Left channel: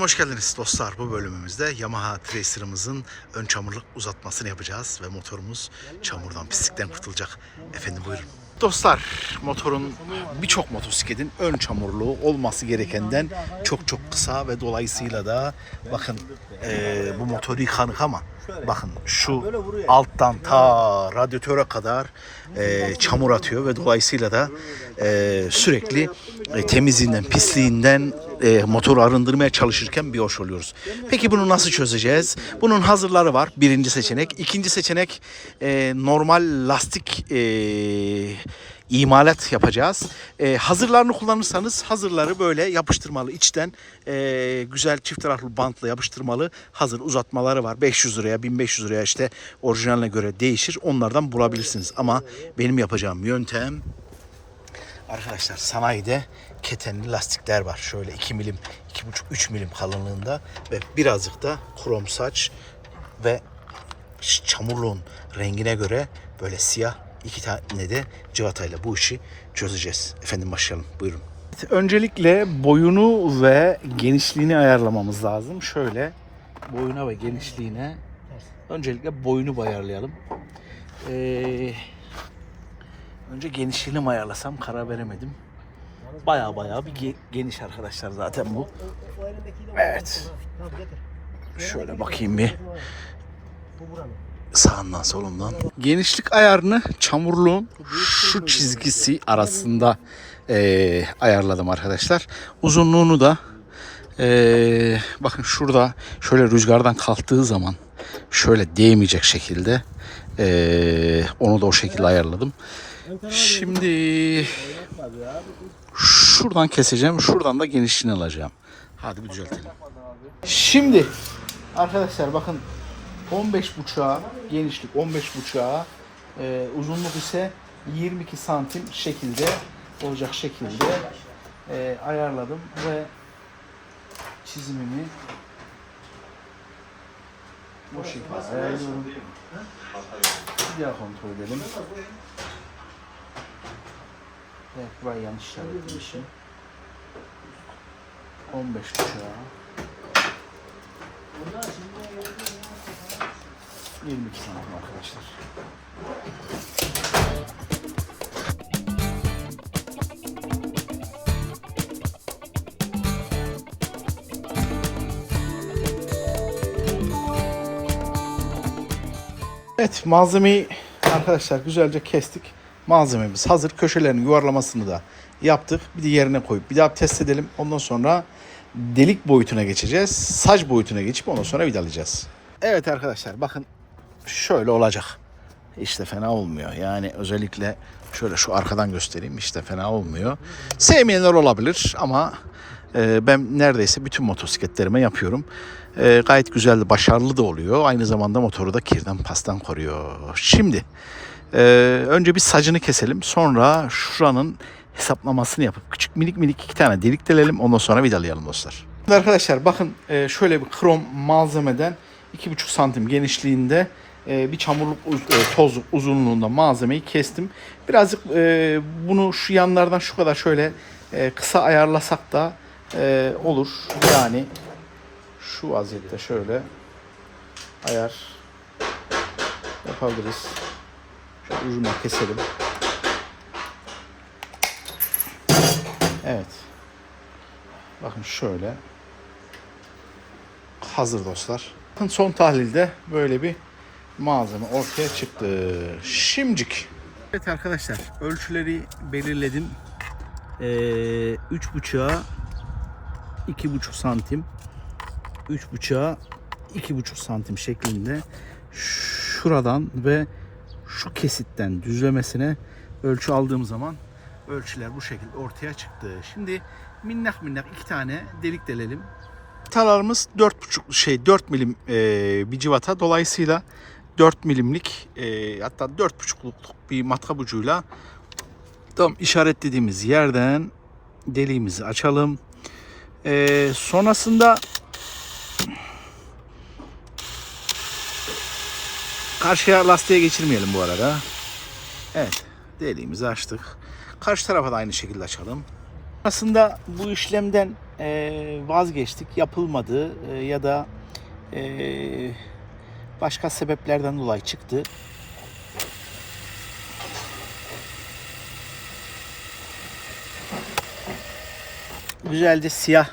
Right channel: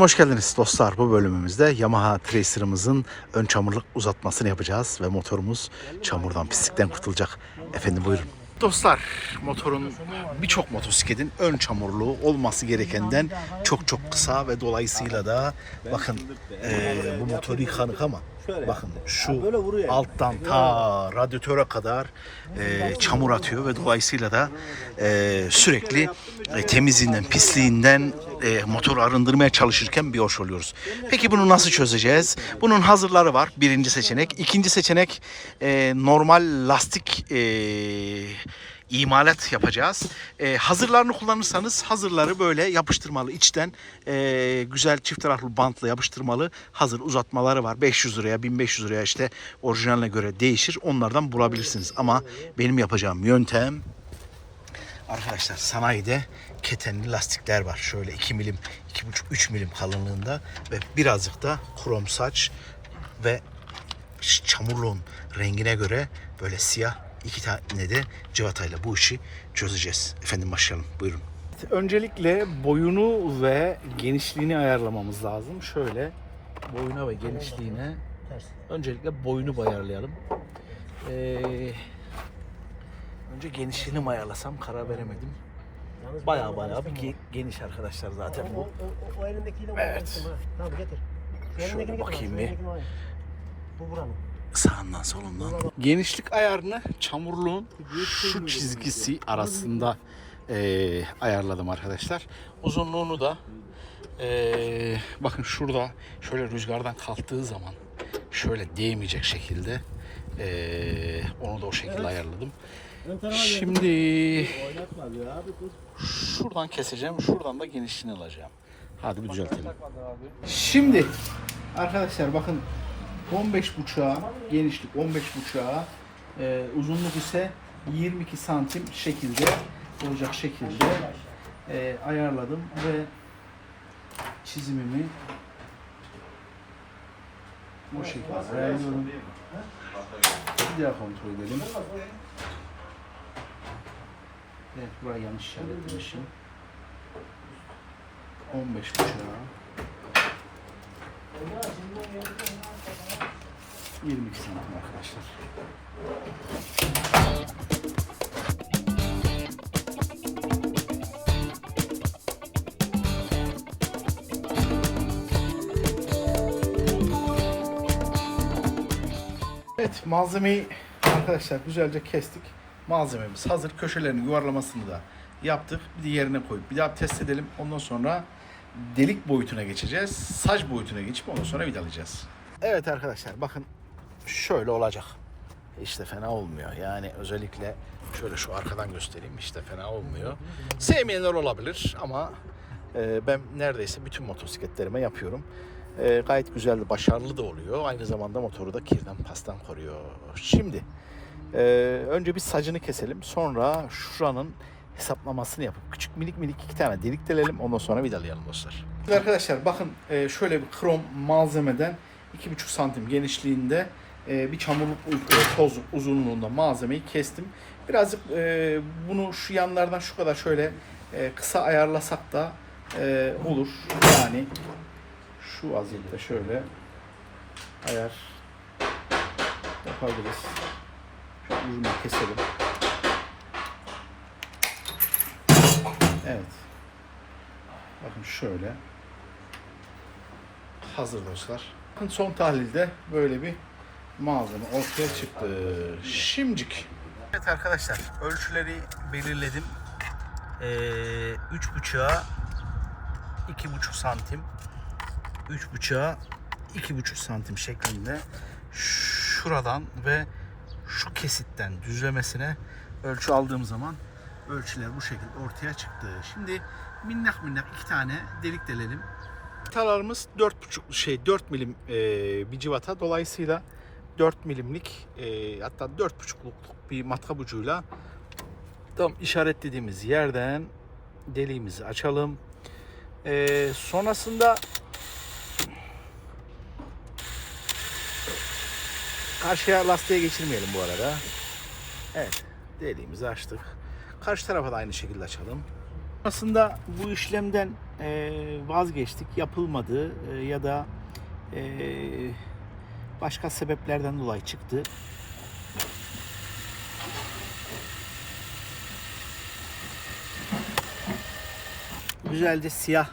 Hoş geldiniz dostlar. Bu bölümümüzde Yamaha Tracer'ımızın ön çamurluk uzatmasını yapacağız ve motorumuz çamurdan, pislikten kurtulacak. Efendim buyurun. Dostlar, motorun birçok motosikletin ön çamurluğu olması gerekenden çok çok kısa ve dolayısıyla da bakın eee, bu motoru yıkanık ama bakın şu alttan ta radyatöre kadar eee, çamur atıyor ve dolayısıyla da eee, sürekli e, temizliğinden, pisliğinden e, motoru arındırmaya çalışırken bir hoş oluyoruz. Peki bunu nasıl çözeceğiz? Bunun hazırları var. Birinci seçenek. İkinci seçenek e, normal lastik e, imalat yapacağız. E, hazırlarını kullanırsanız hazırları böyle yapıştırmalı içten e, güzel çift taraflı bantla yapıştırmalı hazır uzatmaları var. 500 liraya 1500 liraya işte orijinaline göre değişir. Onlardan bulabilirsiniz. Ama benim yapacağım yöntem Arkadaşlar sanayide ketenli lastikler var. Şöyle 2 milim, 2,5-3 milim kalınlığında ve birazcık da krom saç ve çamurluğun rengine göre böyle siyah iki tane de civatayla bu işi çözeceğiz. Efendim başlayalım. Buyurun. Öncelikle boyunu ve genişliğini ayarlamamız lazım. Şöyle boyuna ve genişliğine öncelikle boyunu ayarlayalım. Ee, Önce genişliğini ayarlasam karar veremedim. Baya baya bir ge- geniş arkadaşlar zaten bu. Evet. Şöyle bakayım bir. Sağından solundan. Genişlik ayarını çamurluğun şu çizgisi arasında eee, ayarladım arkadaşlar. Uzunluğunu da eee, bakın şurada şöyle rüzgardan kalktığı zaman şöyle değmeyecek şekilde eee, onu da o şekilde ayarladım. Şimdi şuradan keseceğim. Şuradan da genişliğini alacağım. Hadi bir düzeltelim. Şimdi arkadaşlar bakın 15 buçuğa genişlik 15 buçuğa e, uzunluk ise 22 santim şekilde olacak şekilde e, ayarladım ve çizimimi bu şekilde ayarlıyorum. Bir daha kontrol edelim. Evet burayı yanlış işaretlemişim. 15 buçuğa. 22 santim arkadaşlar. Evet malzemeyi arkadaşlar güzelce kestik. Malzememiz hazır. Köşelerin yuvarlamasını da yaptık. Bir de yerine koyup bir daha test edelim. Ondan sonra delik boyutuna geçeceğiz. Saç boyutuna geçip ondan sonra vidalayacağız. Evet arkadaşlar bakın şöyle olacak. İşte fena olmuyor. Yani özellikle şöyle şu arkadan göstereyim. İşte fena olmuyor. Sevmeyenler olabilir ama e, ben neredeyse bütün motosikletlerime yapıyorum. E, gayet güzel başarılı da oluyor. Aynı zamanda motoru da kirden pastan koruyor. Şimdi e, önce bir sacını keselim. Sonra şuranın hesaplamasını yapıp küçük minik minik iki tane delik delelim. Ondan sonra vidalayalım dostlar. Arkadaşlar bakın e, şöyle bir krom malzemeden 2,5 santim genişliğinde e, bir çamurluk e, toz uzunluğunda malzemeyi kestim. Birazcık bunu şu yanlardan şu kadar şöyle kısa ayarlasak da olur. Yani şu vaziyette şöyle ayar yapabiliriz. Şöyle ucundan keselim. Evet. Bakın şöyle. Hazır dostlar. Son tahlilde böyle bir malzeme ortaya çıktı. Şimdicik. Evet arkadaşlar ölçüleri belirledim. Ee, 3.5'a 2.5 santim 3.5'a 2.5 santim şeklinde şuradan ve şu kesitten düzlemesine ölçü aldığım zaman ölçüler bu şekilde ortaya çıktı. Şimdi minnak minnak iki tane delik delelim. Talarımız 4.5 şey 4 milim e, bir civata. Dolayısıyla 4 milimlik e, hatta 4.5'luk bir matkap ucuyla tam işaretlediğimiz yerden deliğimizi açalım. E, sonrasında karşıya lastiğe geçirmeyelim bu arada. Evet deliğimizi açtık. Karşı tarafa da aynı şekilde açalım. Aslında bu işlemden e, vazgeçtik. Yapılmadı e, ya da e, başka sebeplerden dolayı çıktı. Güzel de siyah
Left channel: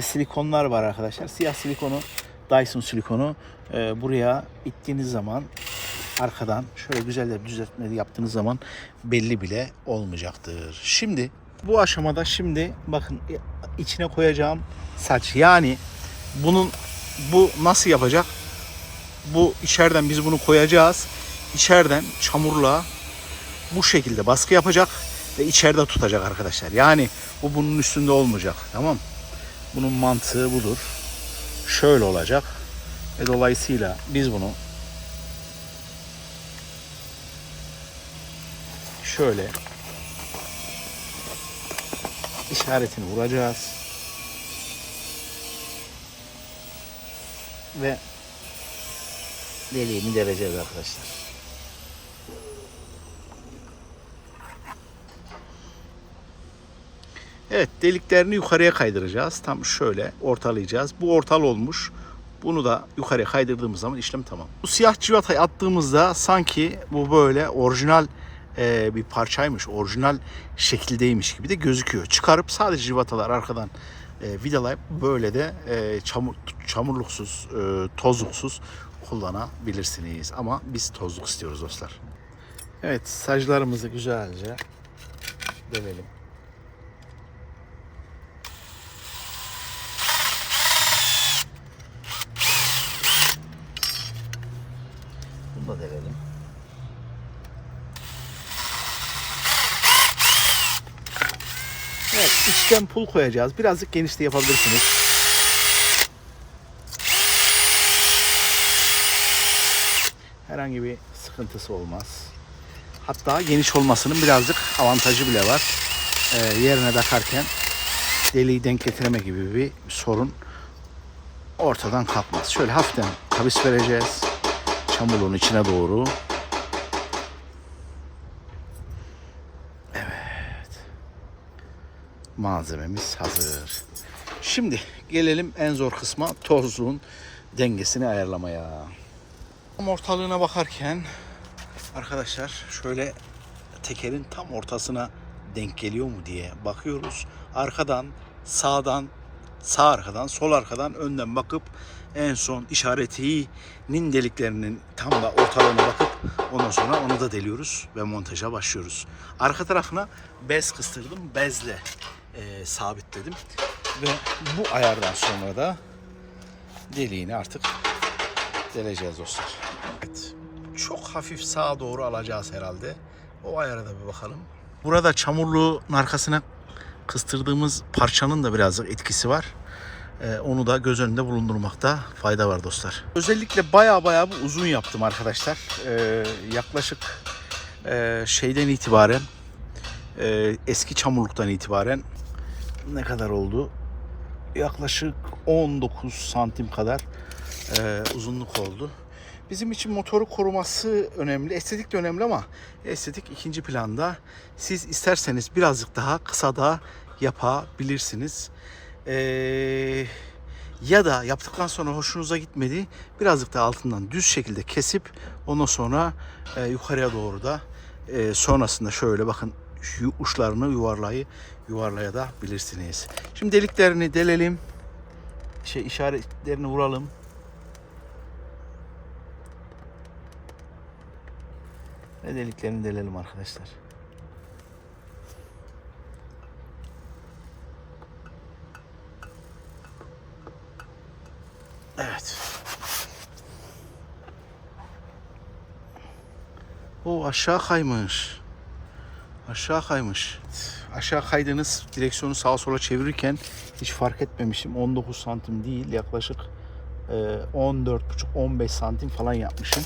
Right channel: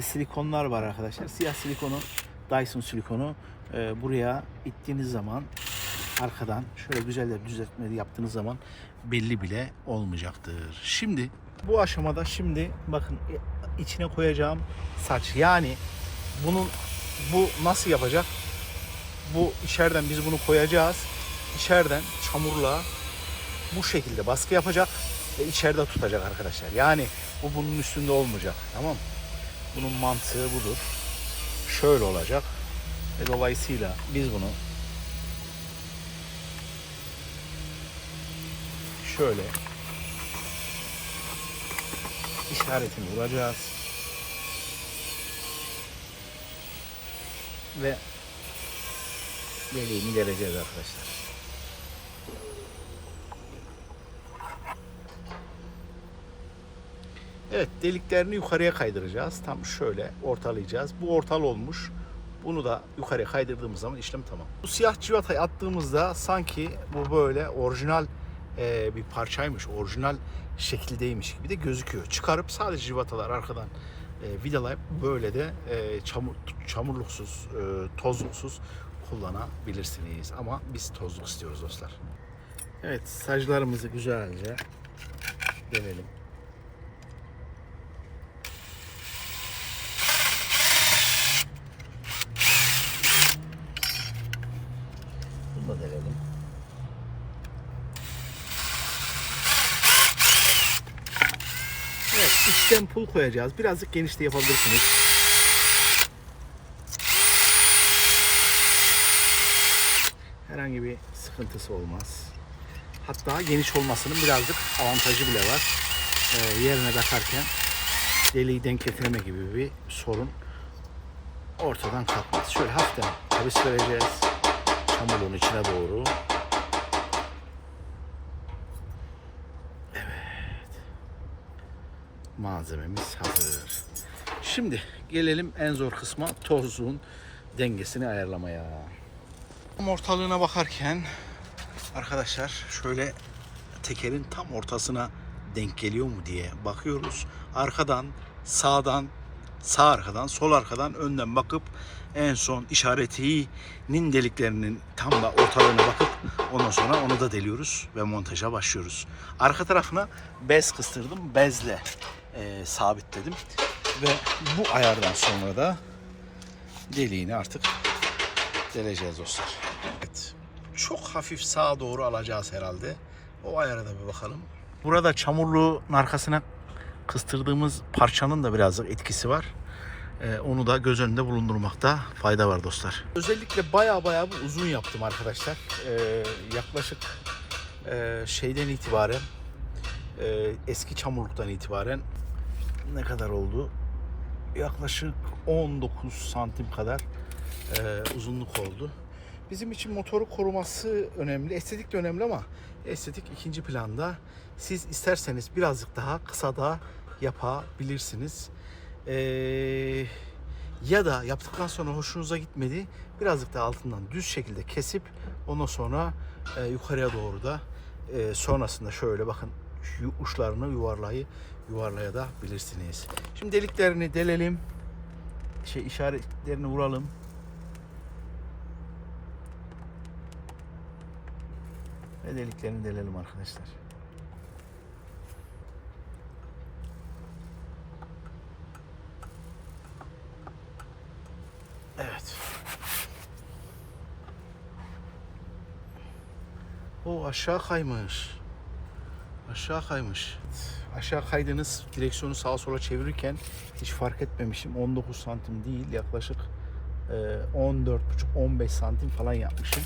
silikonlar var arkadaşlar. Siyah silikonu, Dyson silikonu buraya ittiğiniz zaman arkadan şöyle güzel de düzeltmeleri yaptığınız zaman belli bile olmayacaktır. Şimdi bu aşamada şimdi bakın içine koyacağım saç yani bunun bu nasıl yapacak? Bu içeriden biz bunu koyacağız. İçeriden çamurla bu şekilde baskı yapacak ve içeride tutacak arkadaşlar. Yani bu bunun üstünde olmayacak. Tamam? Bunun mantığı budur. Şöyle olacak. Ve dolayısıyla biz bunu şöyle işaretini vuracağız. Ve deliğini deleceğiz arkadaşlar. Evet deliklerini yukarıya kaydıracağız. Tam şöyle ortalayacağız. Bu ortal olmuş. Bunu da yukarıya kaydırdığımız zaman işlem tamam. Bu siyah civatayı attığımızda sanki bu böyle orijinal e, bir parçaymış. Orijinal şekildeymiş gibi de gözüküyor. Çıkarıp sadece civatalar arkadan e, vidalayıp böyle de e, çamur, çamurluksuz, tozluksuz kullanabilirsiniz. Ama biz tozluk istiyoruz dostlar. Evet saclarımızı güzelce dövelim. Bunu da denelim. İçten pul koyacağız. Birazcık geniş de yapabilirsiniz. Herhangi bir sıkıntısı olmaz. Hatta geniş olmasının birazcık avantajı bile var. Ee, yerine takarken deliği denk getireme gibi bir sorun ortadan kalkmaz. Şöyle hafiften kavis vereceğiz çamurluğun içine doğru. Malzememiz hazır. Şimdi gelelim en zor kısma tozluğun dengesini ayarlamaya. Tam ortalığına bakarken arkadaşlar şöyle tekerin tam ortasına denk geliyor mu diye bakıyoruz. Arkadan, sağdan, sağ arkadan, sol arkadan, önden bakıp en son işaretinin deliklerinin tam da ortalığına bakıp ondan sonra onu da deliyoruz ve montaja başlıyoruz. Arka tarafına bez kıstırdım. Bezle e, sabitledim. Ve bu ayardan sonra da deliğini artık deleceğiz dostlar. Evet. Çok hafif sağa doğru alacağız herhalde. O ayara da bir bakalım. Burada çamurluğun arkasına kıstırdığımız parçanın da birazcık etkisi var. Ee, onu da göz önünde bulundurmakta fayda var dostlar. Özellikle baya baya uzun yaptım arkadaşlar. Ee, yaklaşık e, şeyden itibaren e, eski çamurluktan itibaren ne kadar oldu? Yaklaşık 19 santim kadar e, uzunluk oldu. Bizim için motoru koruması önemli. Estetik de önemli ama estetik ikinci planda. Siz isterseniz birazcık daha kısa da yapabilirsiniz. Ee, ya da yaptıktan sonra hoşunuza gitmedi birazcık da altından düz şekilde kesip ondan sonra e, yukarıya doğru da e, sonrasında şöyle bakın uçlarını yuvarlayı yuvarlaya da bilirsiniz. Şimdi deliklerini delelim. Şey işaretlerini vuralım. Ve deliklerini delelim arkadaşlar. Evet. O aşağı kaymış. Aşağı kaymış. Aşağı kaydınız direksiyonu sağa sola çevirirken hiç fark etmemişim. 19 santim değil yaklaşık 14,5-15 santim falan yapmışım.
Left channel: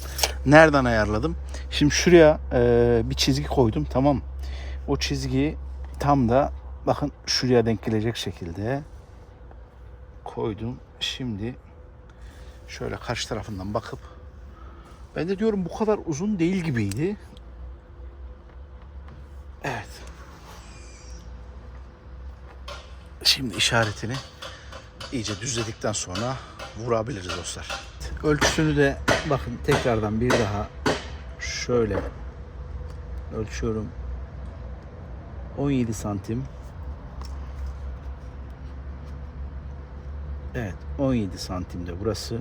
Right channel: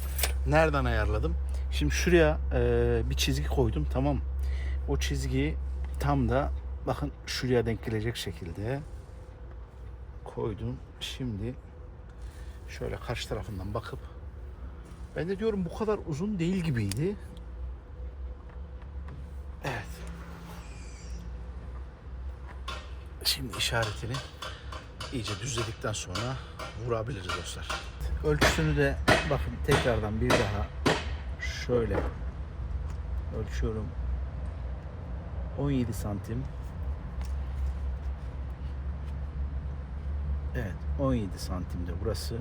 Nereden ayarladım? Şimdi şuraya e, bir çizgi koydum tamam. O çizgiyi tam da bakın şuraya denk gelecek şekilde koydum. Şimdi şöyle karşı tarafından bakıp ben de diyorum bu kadar uzun değil gibiydi. Evet. Şimdi işaretini iyice düzledikten sonra vurabiliriz dostlar. Ölçüsünü de bakın tekrardan bir daha şöyle ölçüyorum. 17 santim. Evet 17 santimde burası.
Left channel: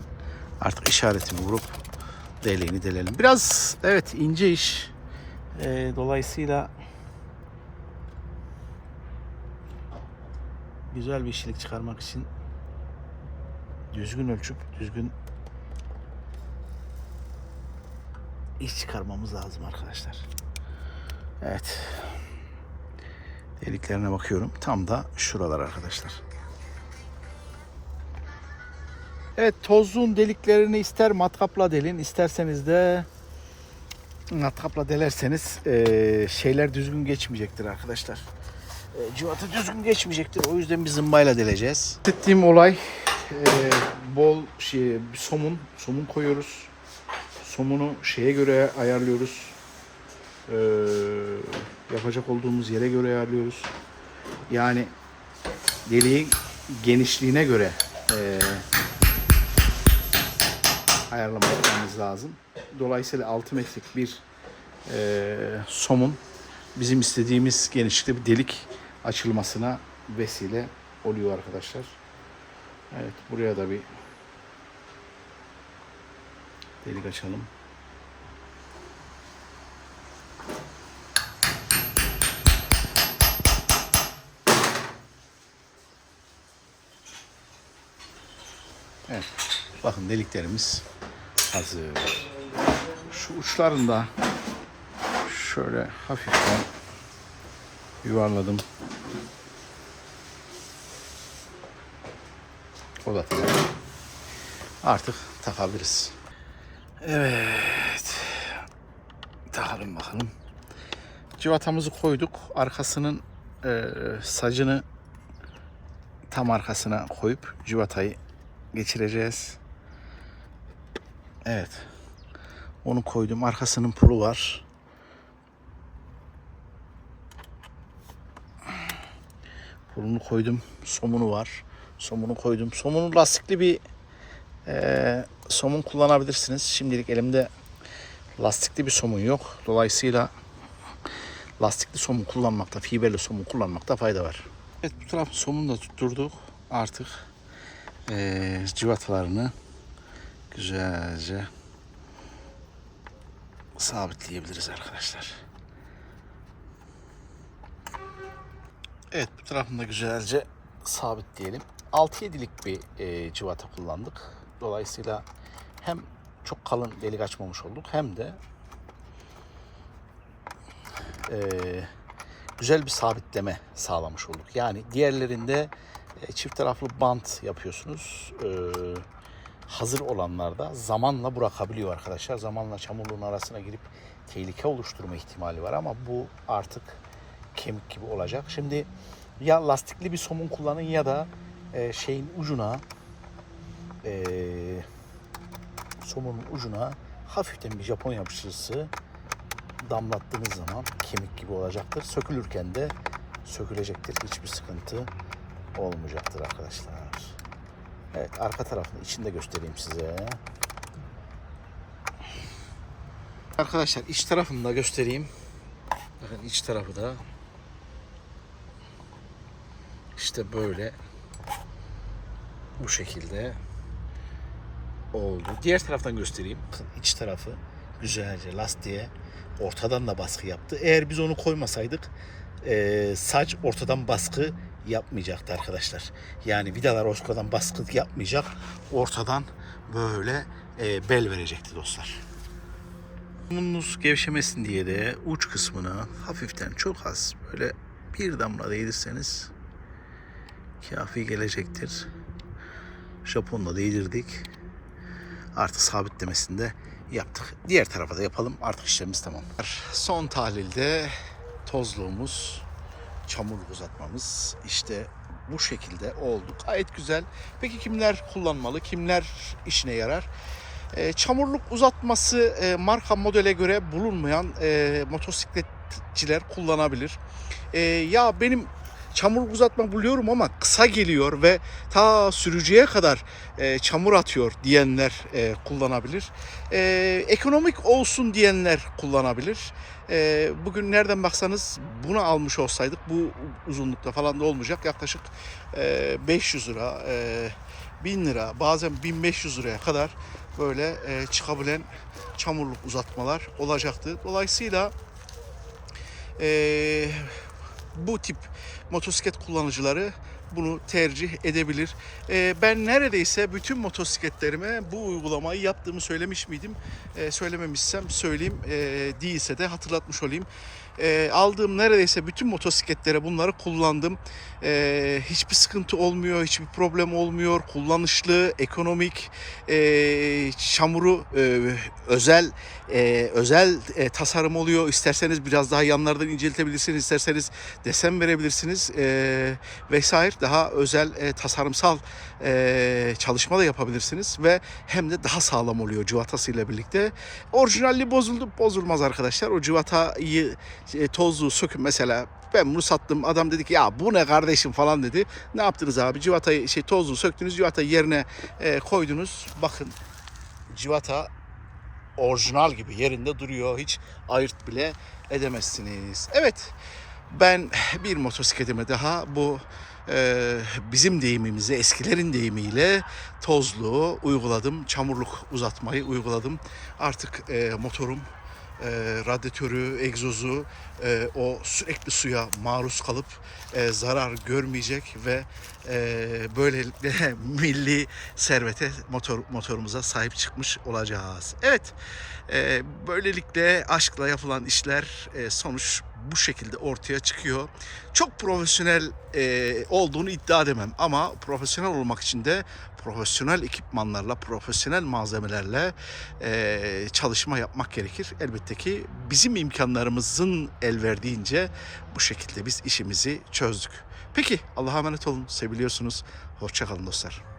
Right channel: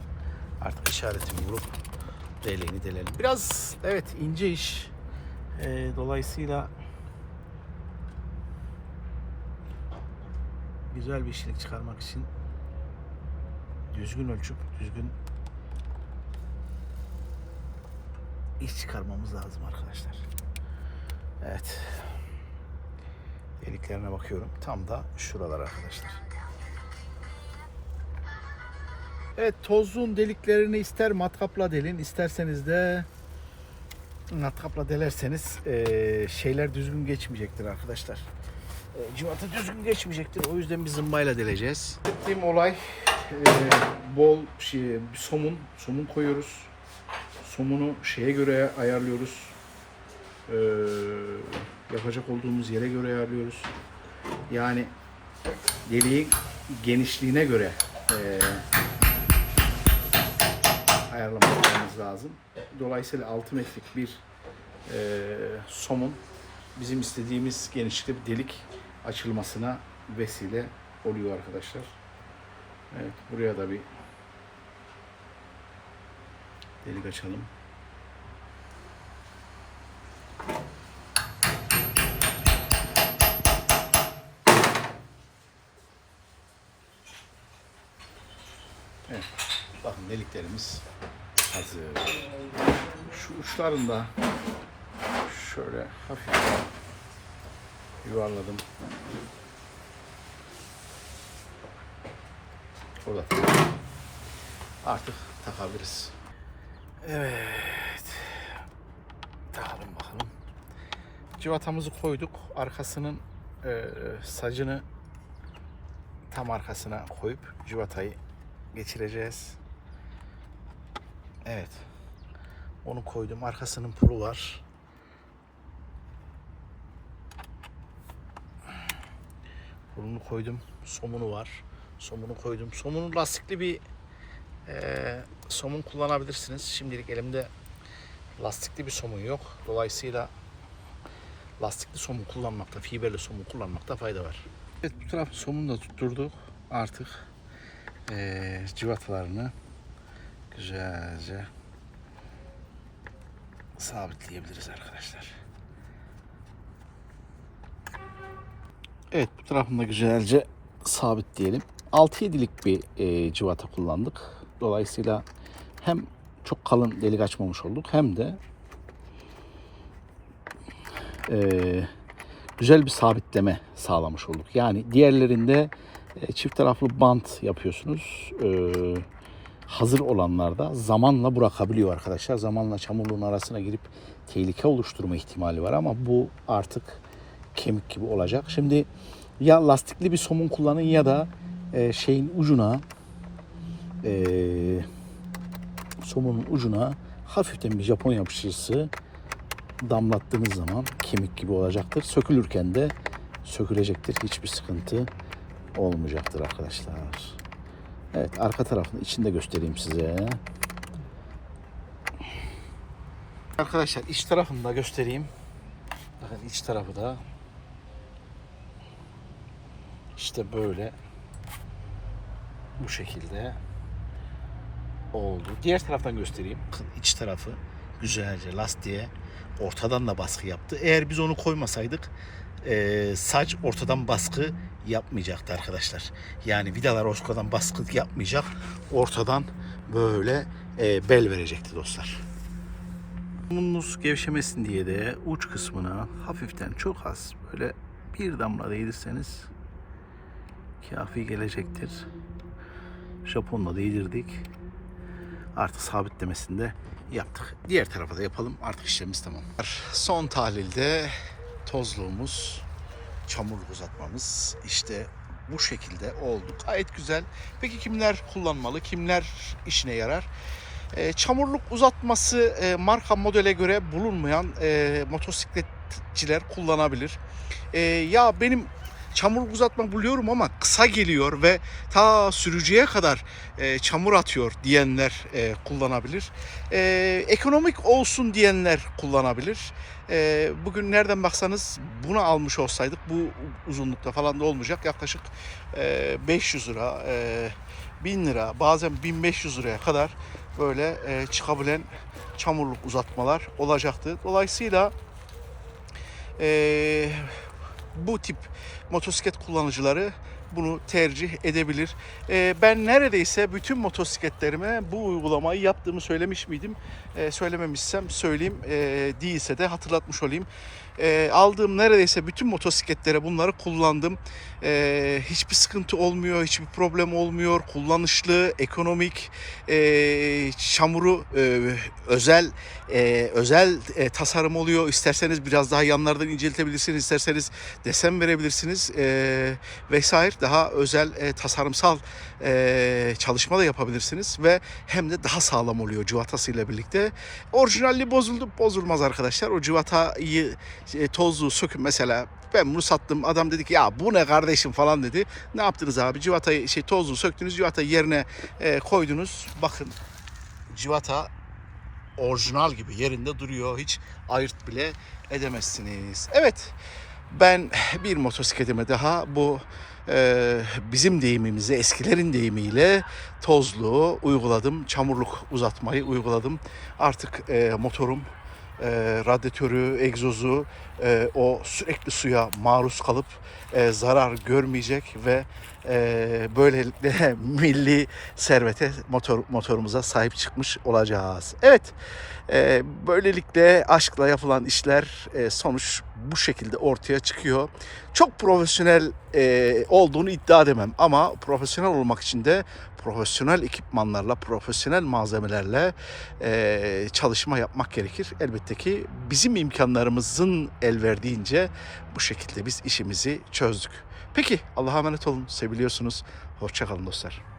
Artık işaretimi vurup deliğini delelim. Biraz evet ince iş. Ee, dolayısıyla güzel bir işlik çıkarmak için düzgün ölçüp düzgün iş çıkarmamız lazım arkadaşlar. Evet. Deliklerine bakıyorum. Tam da şuralar arkadaşlar. Evet tozluğun deliklerini ister matkapla delin isterseniz de matkapla delerseniz eee, şeyler düzgün geçmeyecektir arkadaşlar. E, cıvatı düzgün geçmeyecektir. O yüzden bir zımbayla deleceğiz. Ettiğim olay e, bol şey, somun, somun koyuyoruz. Somunu şeye göre ayarlıyoruz. E, yapacak olduğumuz yere göre ayarlıyoruz. Yani deliğin genişliğine göre e, ayarlamamız lazım. Dolayısıyla 6 metrelik bir e, somun bizim istediğimiz genişlikte bir delik açılmasına vesile oluyor arkadaşlar. Evet buraya da bir delik açalım. Evet. Bakın deliklerimiz hazır. Şu uçlarında şöyle hafiften yuvarladım. O da. Artık takabiliriz. Evet. Takalım bakalım. Civatamızı koyduk. Arkasının e, sacını tam arkasına koyup civatayı geçireceğiz. Evet. Onu koydum. Arkasının pulu var. Pulunu koydum. Somunu var. Somunu koydum. Somunu lastikli bir eee, somun kullanabilirsiniz. Şimdilik elimde lastikli bir somun yok. Dolayısıyla lastikli somun kullanmakta, fiberli somun kullanmakta fayda var. Evet bu tarafı somunu da tutturduk. Artık eee civatalarını güzelce sabitleyebiliriz arkadaşlar. Evet bu tarafını da güzelce sabitleyelim. 6-7'lik bir e, civata kullandık. Dolayısıyla hem çok kalın delik açmamış olduk hem de e, güzel bir sabitleme sağlamış olduk. Yani diğerlerinde e, çift taraflı bant yapıyorsunuz. E, hazır olanlarda zamanla bırakabiliyor arkadaşlar. Zamanla çamurluğun arasına girip tehlike oluşturma ihtimali var ama bu artık kemik gibi olacak. Şimdi ya lastikli bir somun kullanın ya da e, şeyin ucuna e, somunun ucuna hafiften bir Japon yapıştırıcısı damlattığınız zaman kemik gibi olacaktır. Sökülürken de sökülecektir. Hiçbir sıkıntı olmayacaktır arkadaşlar. Evet arka tarafını içinde göstereyim size. Arkadaşlar iç tarafını da göstereyim. Bakın iç tarafı da işte böyle bu şekilde oldu. Diğer taraftan göstereyim. İç tarafı güzelce lastiğe ortadan da baskı yaptı. Eğer biz onu koymasaydık e, saç ortadan baskı yapmayacaktı arkadaşlar. Yani vidalar ortadan baskı yapmayacak. Ortadan böyle e, bel verecekti dostlar. Somununuz gevşemesin diye de uç kısmına hafiften çok az böyle bir damla değdirseniz kafi gelecektir. Japonla değdirdik. Artık sabitlemesini de yaptık. Diğer tarafa da yapalım. Artık işlemimiz tamam. Son tahlilde tozluğumuz, çamurluk uzatmamız işte bu şekilde oldu. Gayet güzel. Peki kimler kullanmalı? Kimler işine yarar? E, çamurluk uzatması e, marka modele göre bulunmayan e, motosikletçiler kullanabilir. E, ya benim çamurluk uzatma buluyorum ama kısa geliyor ve ta sürücüye kadar e, çamur atıyor diyenler e, kullanabilir. E, ekonomik olsun diyenler kullanabilir. E, bugün nereden baksanız bunu almış olsaydık bu uzunlukta falan da olmayacak yaklaşık e, 500 lira, e, 1000 lira bazen 1500 liraya kadar böyle e, çıkabilen çamurluk uzatmalar olacaktı. Dolayısıyla e, bu tip motosiklet kullanıcıları bunu tercih edebilir. E, ben neredeyse bütün motosikletlerime bu uygulamayı yaptığımı söylemiş miydim? E, söylememişsem söyleyeyim. E, değilse de hatırlatmış olayım. E, aldığım neredeyse bütün motosikletlere bunları kullandım. E, hiçbir sıkıntı olmuyor, hiçbir problem olmuyor. Kullanışlı, ekonomik, e, çamuru e, özel e, özel e, tasarım oluyor. İsterseniz biraz daha yanlardan inceltebilirsiniz, isterseniz desen verebilirsiniz e, vesaire. Daha özel e, tasarımsal e, çalışma da yapabilirsiniz ve hem de daha sağlam oluyor cıvatasıyla birlikte. Orijinalliği bozuldu, bozulmaz arkadaşlar. O cıvatayı e, tozlu sökün mesela ben bunu sattım. Adam dedi ki ya bu ne kardeşim falan dedi. Ne yaptınız abi? Civatayı şey tozlu söktünüz. Civatayı yerine e, koydunuz. Bakın civata orijinal gibi yerinde duruyor. Hiç ayırt bile edemezsiniz. Evet ben bir motosikletime daha bu bizim deyimimize eskilerin deyimiyle tozluğu uyguladım. Çamurluk uzatmayı uyguladım. Artık e, motorum e, radyatörü, egzozu e, o sürekli suya maruz kalıp e, zarar görmeyecek ve e, böylelikle milli servete motor motorumuza sahip çıkmış olacağız. Evet. e, böylelikle aşkla yapılan işler e, sonuç bu şekilde ortaya çıkıyor. Çok profesyonel e, olduğunu iddia edemem ama profesyonel olmak için de profesyonel ekipmanlarla, profesyonel malzemelerle e, çalışma yapmak gerekir. Elbette ki bizim imkanlarımızın el verdiğince bu şekilde biz işimizi çözdük. Peki Allah'a emanet olun. Seviliyorsunuz. Hoşçakalın dostlar.